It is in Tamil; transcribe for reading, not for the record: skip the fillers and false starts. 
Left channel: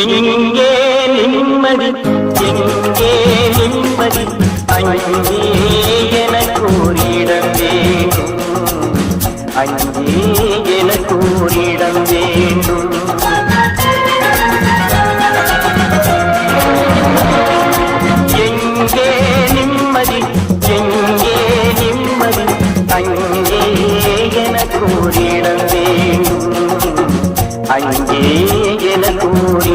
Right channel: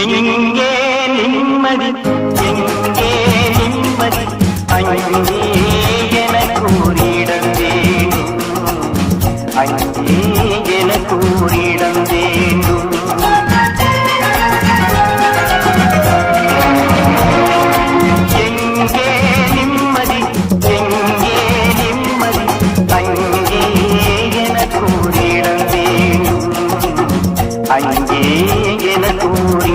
எங்கே நிம்மதி, எங்கே நிம்மதி, அங்கே எனக்கு ஒரு இடம் வேண்டும், அங்கே எனக்கு ஒரு இடம் வேண்டும். எங்கே நிம்மதி, எங்கே நிம்மதி, அங்கே எனக்கு ஒரு இடம் வேண்டும், அங்கே எனக்கு ஒரு